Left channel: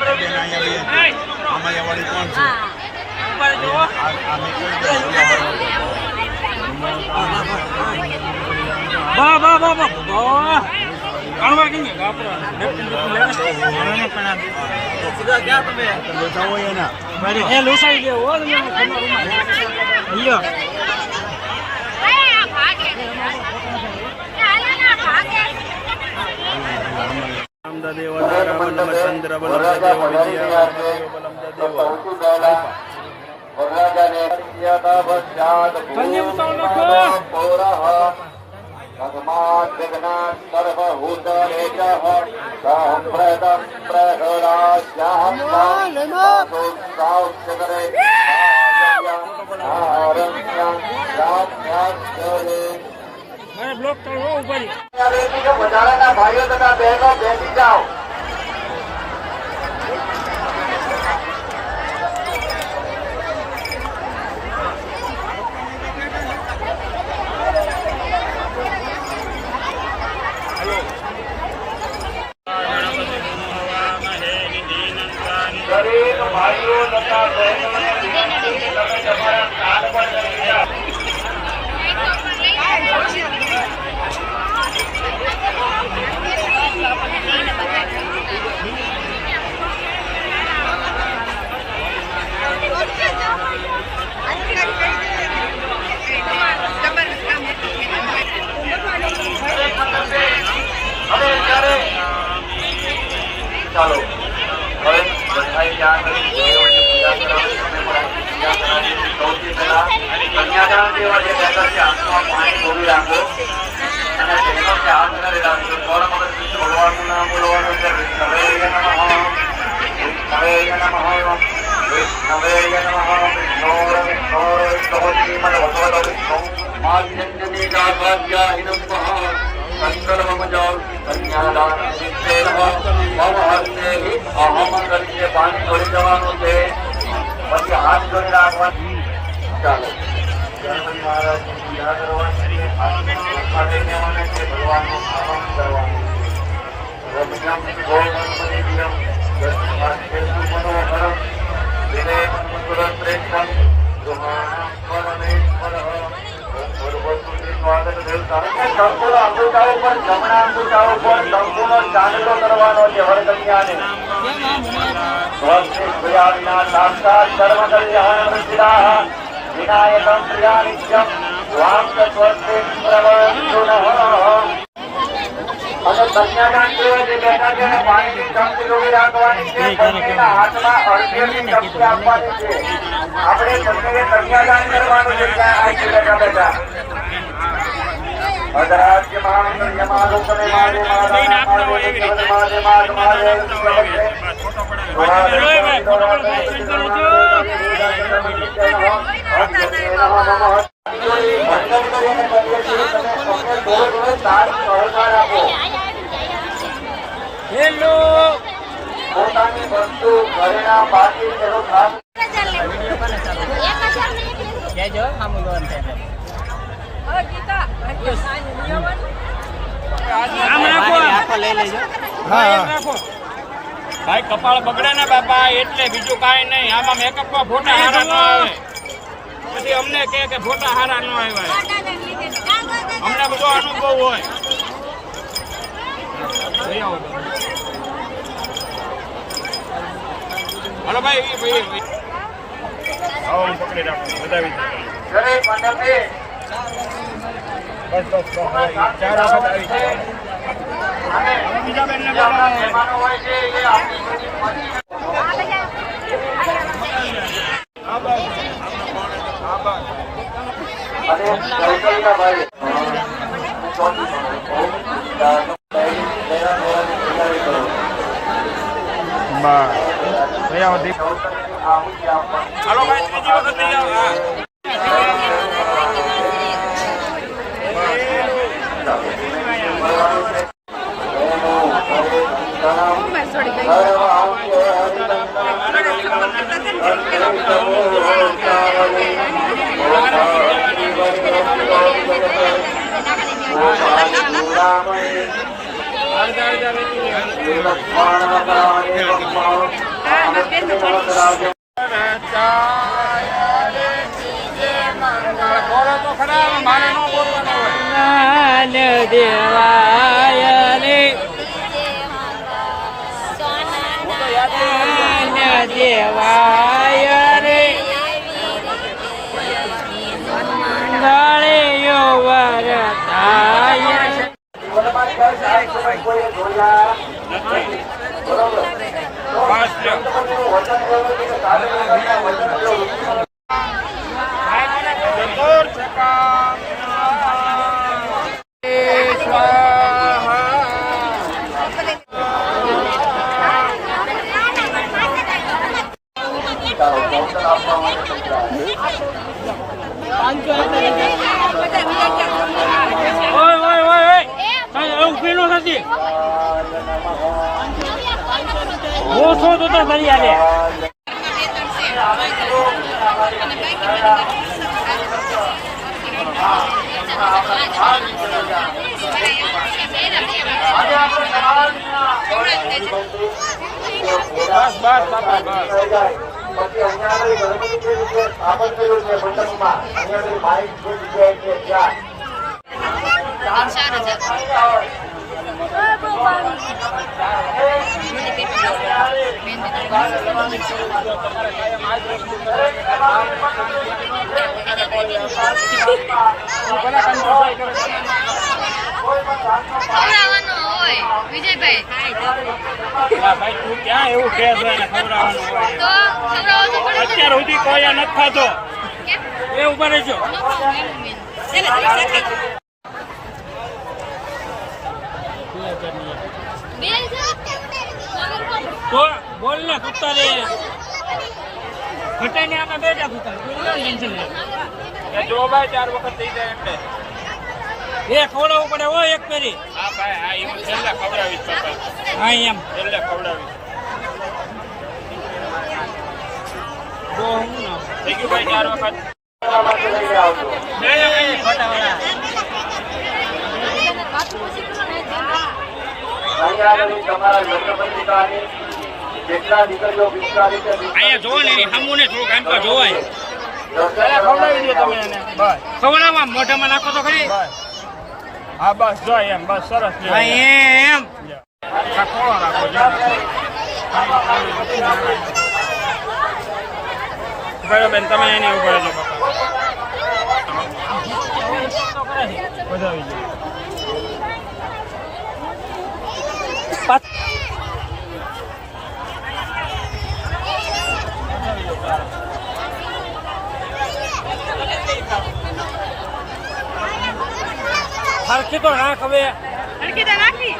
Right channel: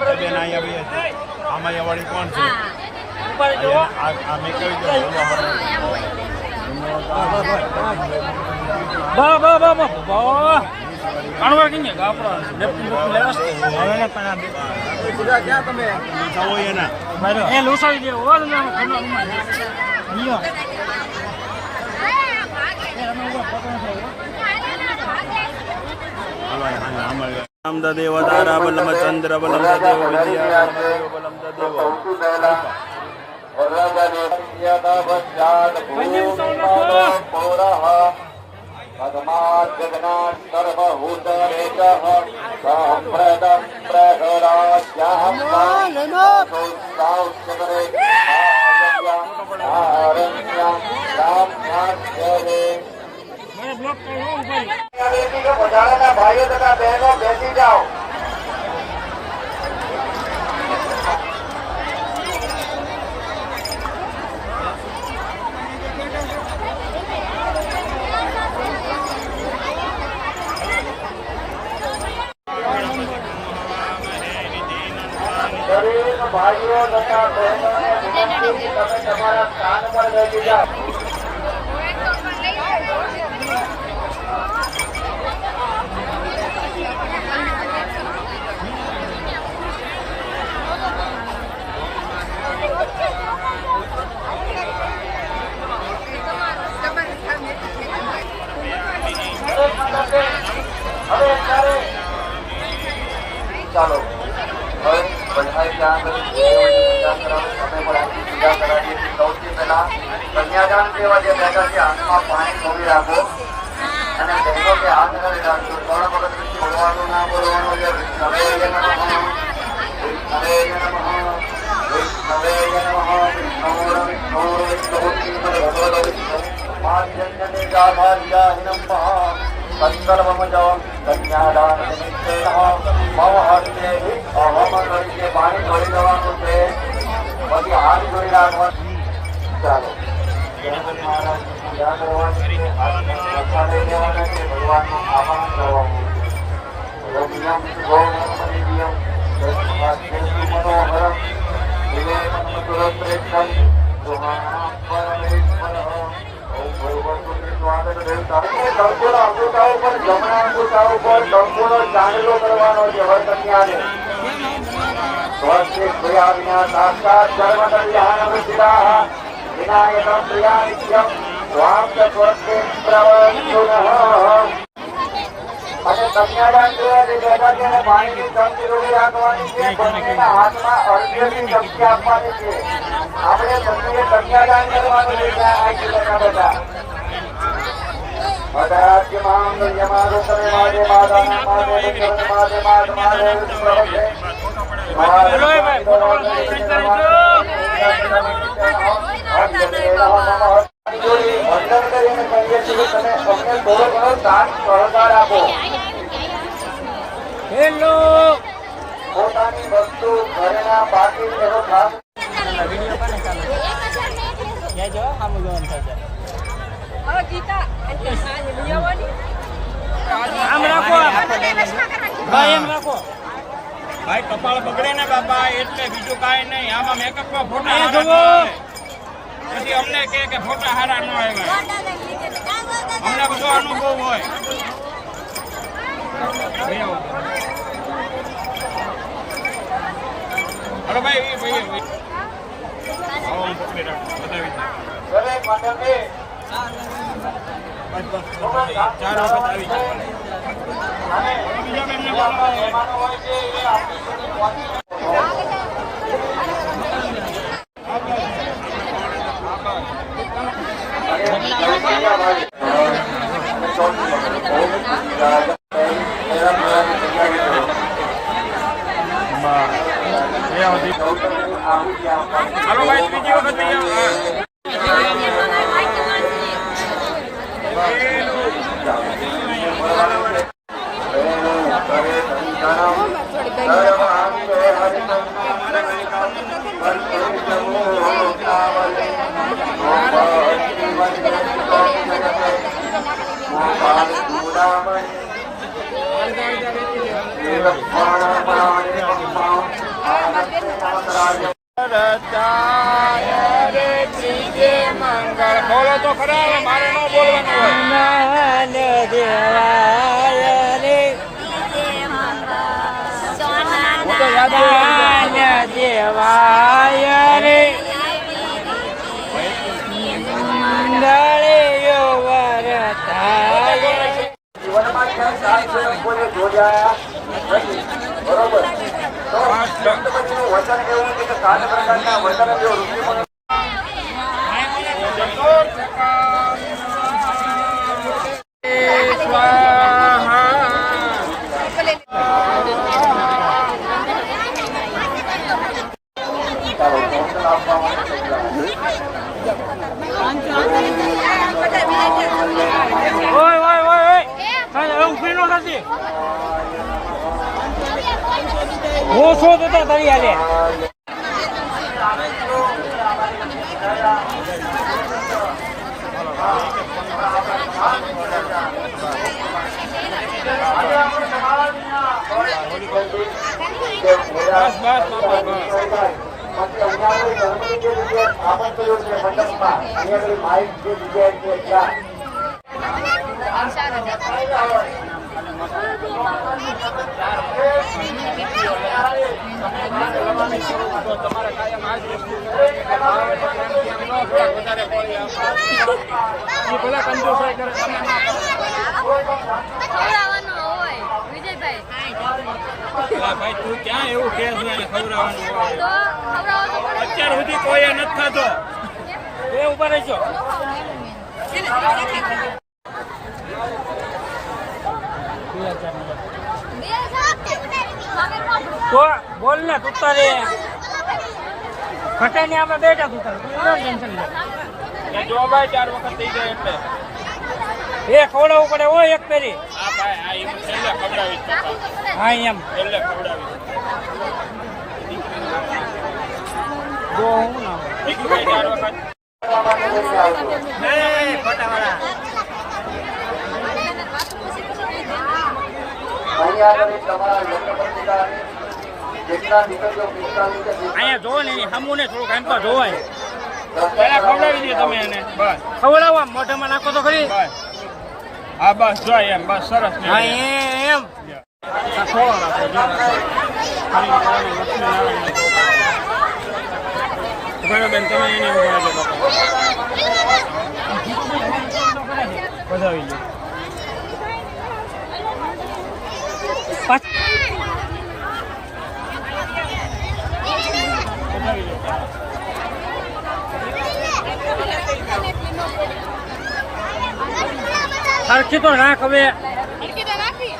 બેન અહીંયા બે. આમાં અવાડી કોણ છે બા બા બા બા બા કાણવા કેમ કે ક્યાં તમે બેઠા હોય એના એ લુસાઈ ગયો હો તમે. લ્યો હાલો અહીંયા આમાં રામદા દેવ રામ ચંદ્ર સૌથી પહેલા વરરાજાને યદવસ્યાદ ભૂમિમાનો પૌરઃ ભગવાન જગન્નાથ સર્વભૂતરેજઃ સંપ્રદમ પ્રહરાજ્યાહં સૌચકરે આરણ્યા રામ્યાસ્યરે બ્લોક કરવો ઉપર ભાઈઓ તથા બહેનો બેસી જાઓ દરેક ભાઈઓ તથા બહેનોને વિનંતી કે તમે તમારા સ્થાન પર બેસી જાઓ હવે અત્યારે ચાલો હવે બધાએ ત્યાં સૌથી પહેલા કન્યાદાન જેવા જે કહેતા છે. હાથમાં પાણી થોડી રાખો અને બહેનો કે હાથ કરી રાખજો વખત વિષ્ણુ ભગવાનનું નામ બોલવાનું છે વિષ્ણવે નમઃ વિષ્ણવે નમઃ વિષ્ણવે નમઃ વિષ્ણોર વિષ્ણોર વિષ્ણુપતિમદ ભગવતો વિષ્ણુ માધ્યન્યને જાભાગ્યાહિનમ મહા સત્સર્વમજો કન્યાદાન નમઃ મમ હસ્તે અહમ કરીએ જવાનું છે પછી હાથ જોડી રાખવા ચાલો ગણપતિ છે ભગવાનનું અંગૂઠા ઉપર જમણા અંગૂઠા ઉપર સંપૂર્ણ ચાંદલો કરવાનો છે, હવે કન્યાને સાક્ષાત પ્રવાહ અને કન્યાદાન જેવા જે બેઠા છે હેલો. પોતાની વસ્તુ ઘરેણા બાકી તેનો ખાસ કેજો આમ જોવાનું આમ રાખો આમ રાખો ભાઈ કપાળ બગડે ને બાપા એટલે બીજું કાંઈ નહીં. આમાં મેકઅપમાં ફોટા હારા ન આવે. પછી અમને કે ફોટા હારા ન આવ્યા. અમને બધો અનુભવ હોય. હાલો ભાઈ. આવો પકડી રાખો. બતાવી દો. દરેક બસ બસ ચાર વખત આવી બીજા બેન ચાલો ભાઈ બીજી છે એ આપણી અને કૌશલ્યાભાઈ અને ચોથી વખત બહુ જ વિચાર આહુતિ આપવાની હાલો ભાઈ ત્રીજી વખત જઈ આવો. મળવાનું છે ગોપાલ ચૂડામણી અડધા અડધા વેચી બોલો તો ખરા મારે જોયા બરોબર તો સંતપતિનું વચન એવું છે કે સાત પ્રકારના વચન જો ઋષિમુનિ ચતુર્થકામ સ્વાહા ફીલ ન આપણે બસ બસ બસ પછી અહીંયા આગળ ગણપતિ જે રીતે સ્થાપન કર્યું છે મંડપમાં અહીંયા આગળ માઇક જે જગ્યાએ છે ત્યાં. કાયમ આજ વસ્તુ ભલા કરે તમે ન કરો ખવડાવવાનો વિજયભાઈ. ભાઈ તું ક્યાં એવું કે છે એને ખવડાવવાનું હોય? તો ખવડાવવો તો પડે અત્યાર સુધી કોઈ નથી ખાતો એ ઉપર રહેજો. ન ખાવ એનું મેન ચાલે તો બોલ ને તું તારે ખટાઈને આમાં બેઠા તું તારે કોઈ ટેન્શન નહીં જો ભાઈ ચાર વખત થઈ જાય એ ખવડાવવું પડે ઓ એક પેરી. હા ભાઈ હા એમ. એમ જો હું ના ચાર વખત. તમારા લગ્ન પત્રિકાની જેટલા દીકરીઓ પિસ્તાલીસ છે અહીંયા જોવો ને સામું ને થોડુંક આમ પર જોવાય. ખવડાવી દો તમે એને. ખવડાવવા મોઢામાં નાખો તો ખરી. હા બસ જો એમ બસ સરસ એમ ખોળો રાખો જો રાખો બેન તમે એને ઊભા રહેજો બાપા વધાવી દો વધાવી દો સારો સરખી તો રાખ હવે હરકી તો રાખી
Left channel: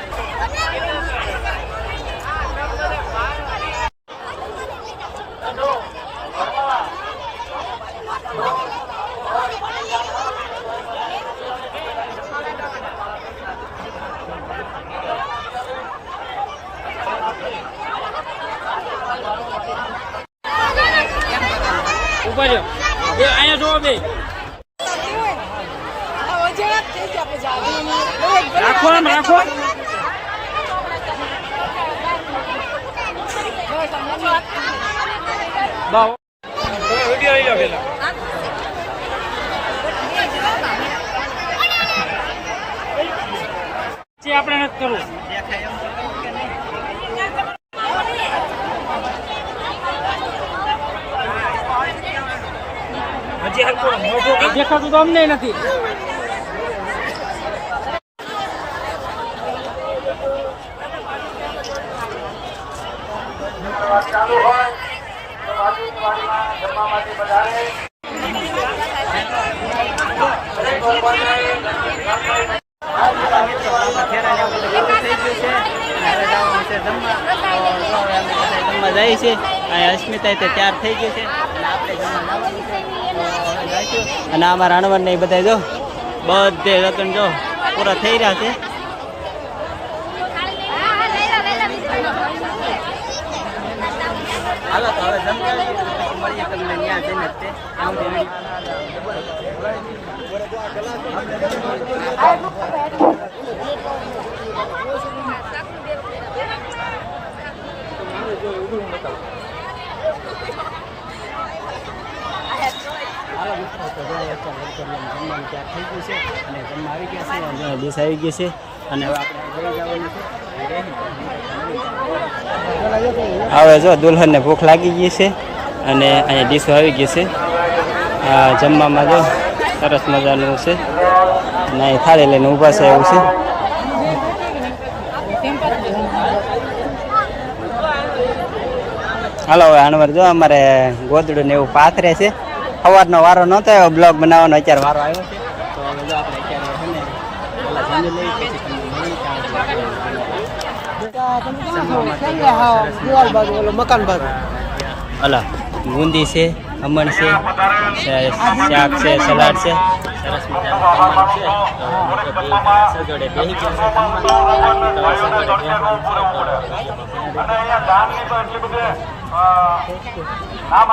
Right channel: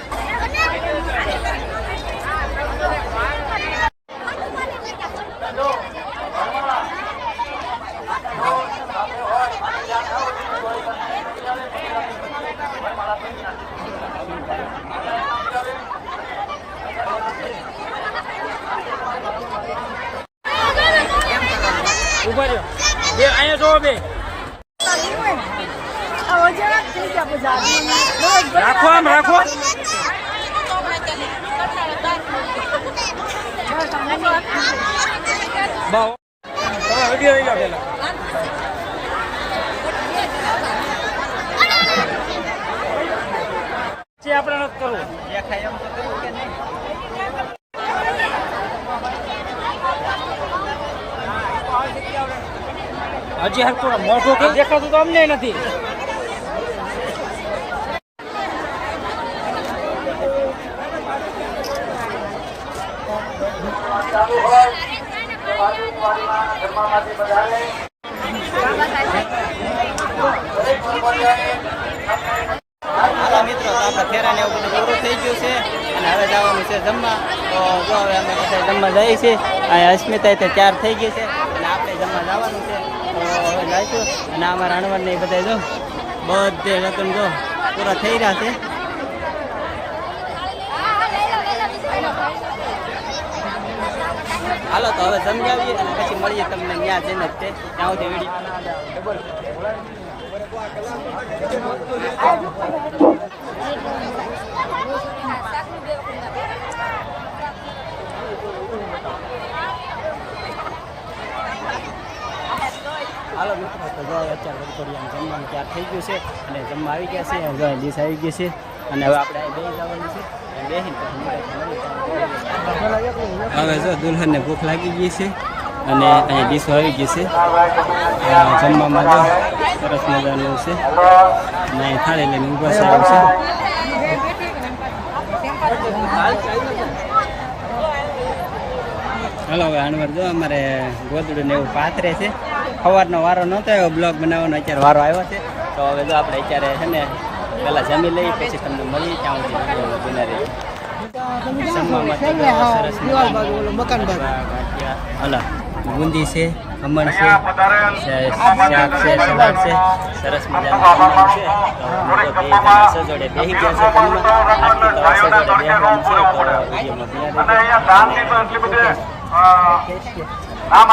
ઊભા રહ્યો બે અહીંયા જોવો બે પેલો પછી આપણે નથી કરવું. હજી હરકો મોઢું દેખાતું તો અમને નથી. ચાલુ હોય હાલો મિત્રો, તો ફેરા ને એવું બધું પૂરું થઈ ગયું છે. અને હવે જવાનું છે જમવા. તો જો હવે અમે બધા જમવા જઈએ છીએ. અને અસ્મિતા તો ચાર થઈ ગયું છે. અને આપણે જમવા જવાનું છે. તો હવે જઈશું અને આમાં રાણવણ ને એ બધા જો, બધે રતન જો પૂરા થઈ રહ્યા છે. હાલો, તો હવે સમજાવીએ અને પછી મળીએ તમને ત્યાં જઈને જ તે, ત્યાં સુધી વીડિયો હાલો મિત્રો, તો જો અત્યારે વડકોડિયામાં જમવાનું તૈયાર થઈ ગયું છે અને જમવા આવી ગયા છે જો ડીશ આવી ગઈ છે. અને હવે આપણે. હવે જો દુલ્હનને ભૂખ લાગી ગઈ છે અને અહીંયા ડીશો આવી ગઈ છે. જમવામાં જો સરસ મજાનું છે. અને અહીં થાળી લઈને ઊભા છે એવું છે. હાલો, હવે અણવર જો અમારે ગોદડું ને એવું પાથરે છે. સવારનો વારો નહોતો બ્લોગ બનાવવાનો અત્યારે વારો આવ્યો છે. તો હવે જો આપણે અત્યારે છે ને પેલા જમી લઈ પછી તમને મળી ત્યાં સુધી બના રહી. હલો બુંદી છે ખમણ છે શાક છે સલાડ છે. સરસ મજાનું જમવાનું છે. તો અમે બે જણા સજોડે બેસી ગયા છે જમવા. આજથી તો સજોડે બેસવાનું છે તો વિડીયોમાં બિના રહી આ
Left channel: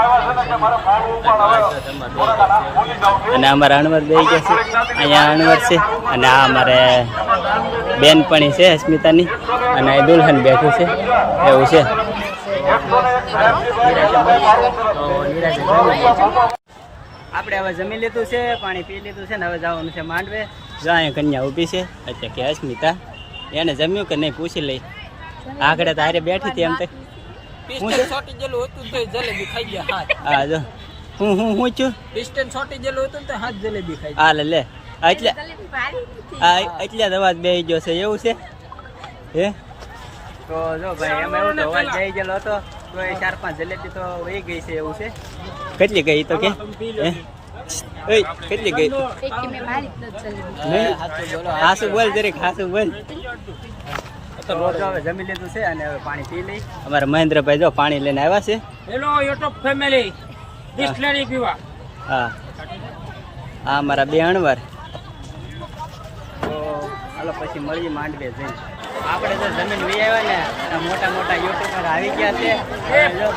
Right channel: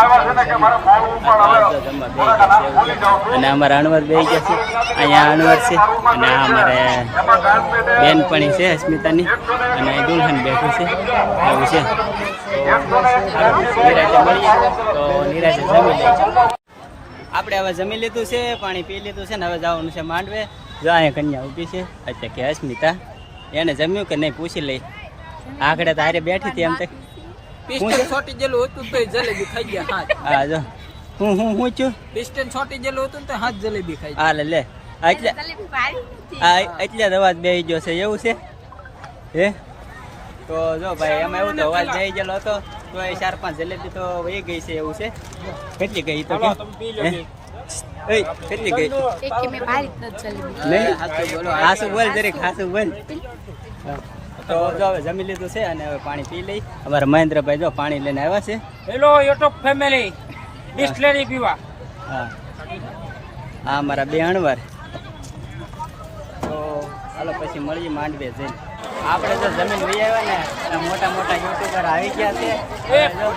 અને અમારા અણવર બે ગયા છે. અહીંયા અણવર છે અને આ અમારે બેનપણી છે અસ્મિતાની. અને અહીં દુલ્હન બેઠું છે. એવું છે. સારું મળીએ. તો નિરાતે જમી લઈશું આપણે હવે જમી લીધું છે, પાણી પી લીધું છે ને હવે જવાનું છે માંડવે. જો અહીંયા કન્યા ઊભી છે. અત્યારે કે અસ્મિતા. એને જમ્યું કે નહીં, પૂછી લઈ આગળ તારે બેઠી હતી એમ તે. હું છે? છોટી જેલું હતું તો જલેબી ખાઈ ગયા હાથ હા જો. હું હું હું છું? પિસ્ટન છોટી જેલું હતું ને તો હાથ જલેબી ખાઈ હા લે લે. એટલે જલેબી ભારી નથી. આ એટલે અવાજ બેહી ગયો છે એવું છે? હે? તો જો ભાઈ એમાં એવું તો અવાજ બેહી ગયેલો હતો તો એ ચાર પાંચ જલેબી તો વહી ગઈ છે એવું છે? કેટલી ગઈ તો કે? હે? એય, કેટલી ગઈ? નહીં? હાસુ બોલ જરીક હાસુ બોલ. તો જો હવે જમી લીધું છે અને હવે પાણી પી લઈ. અમારા મહેન્દ્રભાઈ જો પાણી લઈને આવ્યા છે. હેલો યુટ્યુબ ફેમિલી બિસ્લેરી પીવા. હા. હા મારા બે અણવાર. તો હાલો પછી મળીએ માંડવે જઈને. આપણે જો જમીન લઈ આવ્યા ને આ મોટા મોટા યુટ્યુબર આવી ગયા છે. હવે જો.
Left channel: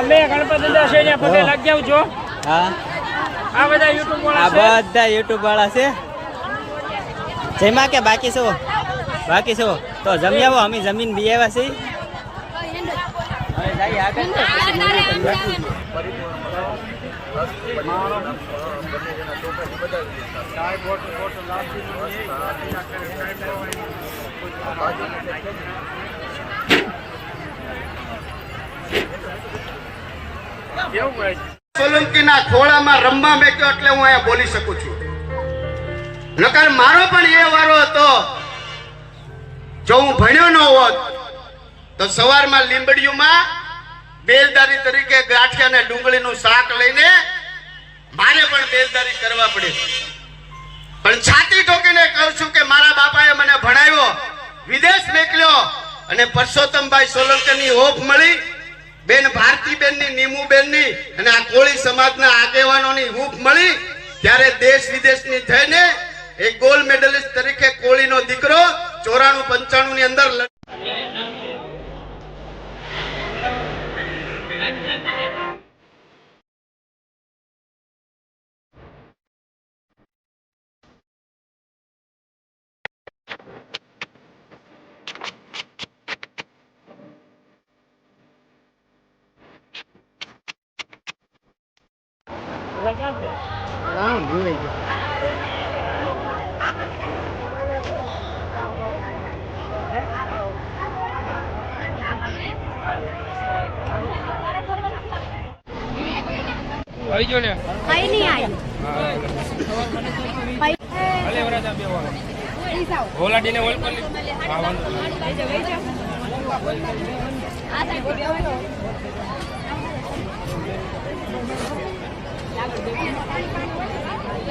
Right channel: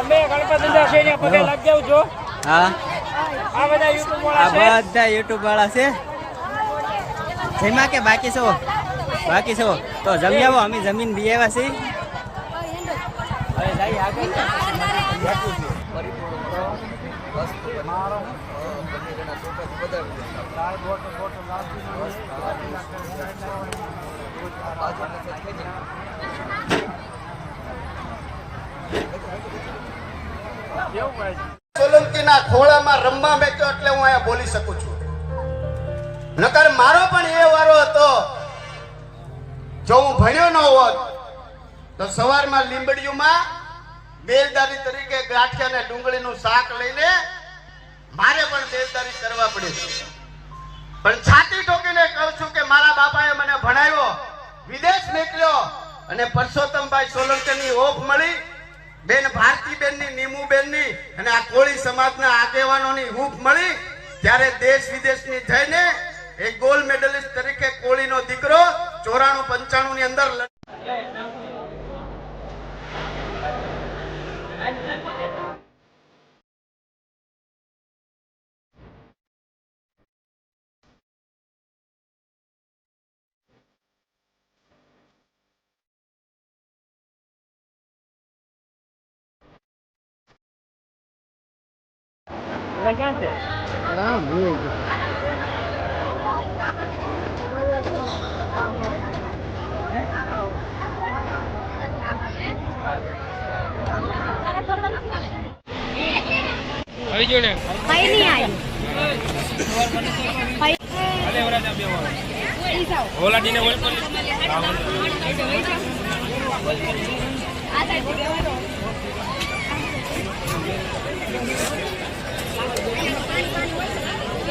અમે ગણપતિના છે ને લાગ જાવ છો. હા. આ બધા યુટ્યુબ આ બધા યુટ્યુબ વાળા છે. જયમાં કે બાકી છો? બાકી છો? તો જમી આવો અમે જમીન બી આવ્યા છીએ. હવે જઈએ આગળ. પછી મળીએ તમને સોલંકીના ખોળામાં રમવા બેઠો એટલે હું અહીંયા બોલી શકું છું. નકર મારો પણ એ વારો હતો જો હું ભણ્યો ન હોત, તો સવારમાં લીંબડીયુમાં બેલદારી તરીકે ગાંઠિયા અને ડુંગળીનું શાક લઈને મારે પણ બેલદારી કરવા પડી પણ છાતી ઠોકીને કહું છું કે મારા બાપાએ મને ભણાવ્યો, વિદેશ મોકલ્યો અને પરસોત્તમભાઈ સોલંકીની ઓફ મળી, બેન ભારતીબેનની, નીમુબેનની અને આ કોળી સમાજના આગેવાનોની હૂફ મળી, ત્યારે દેશ વિદેશની થઈને એક ગોલ્ડ મેડલિસ્ટ તરીકે કોળીનો દીકરો ચોરાણું પંચાણું ની અંદર લડ- આવી જો ને કઈ નહીં આવ્યું ઓલા ઓલ કરી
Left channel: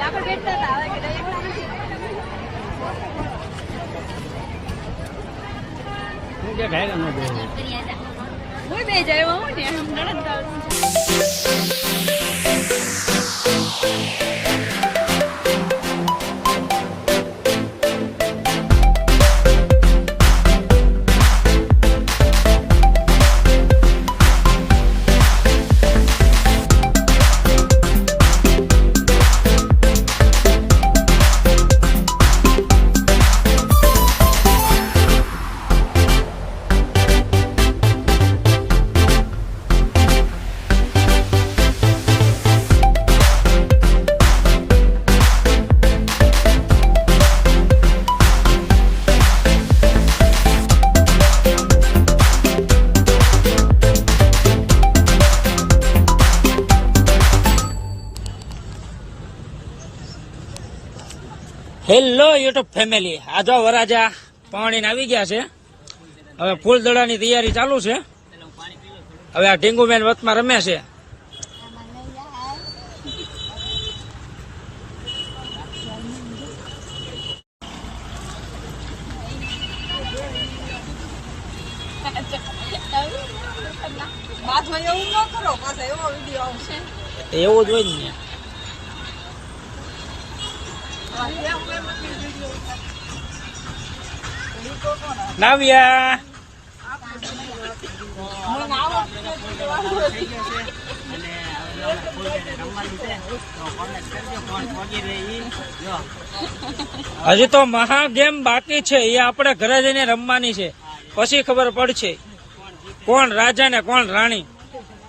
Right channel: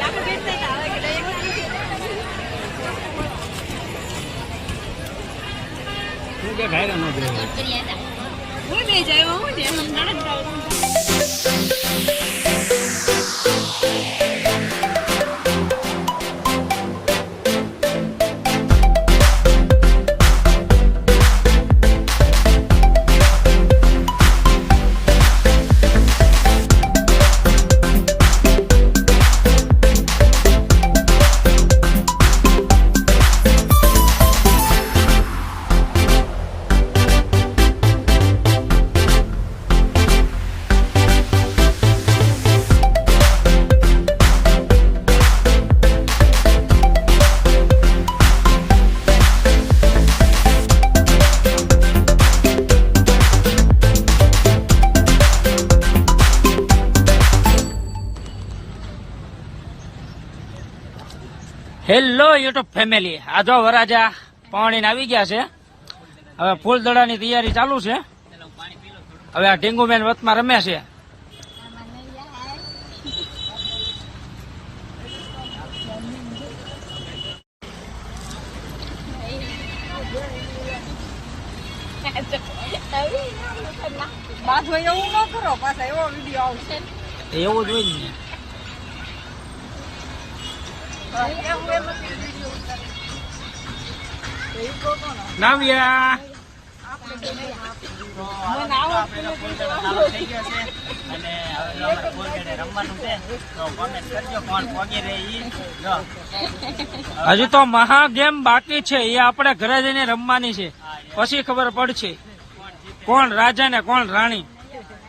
આગળ બેઠતા હતા હવે કે એકલા નથી હું બે જાય હું ને નણંદ Thank you. Hello YouTube family આ જો વરાજા પાણી આવી ગયા છે. હવે ફૂલદડાની તૈયારી ચાલુ છે. હવે આ ઢીંગુબેન વતમાં રમે છે. એવું જ હોય ને. જો હજી તો મહા ગેમ બાકી છે. એ આપણે ઘરે જઈને રમવાની છે. પછી ખબર પડશે. કોણ રાજા ને કોણ રાણી?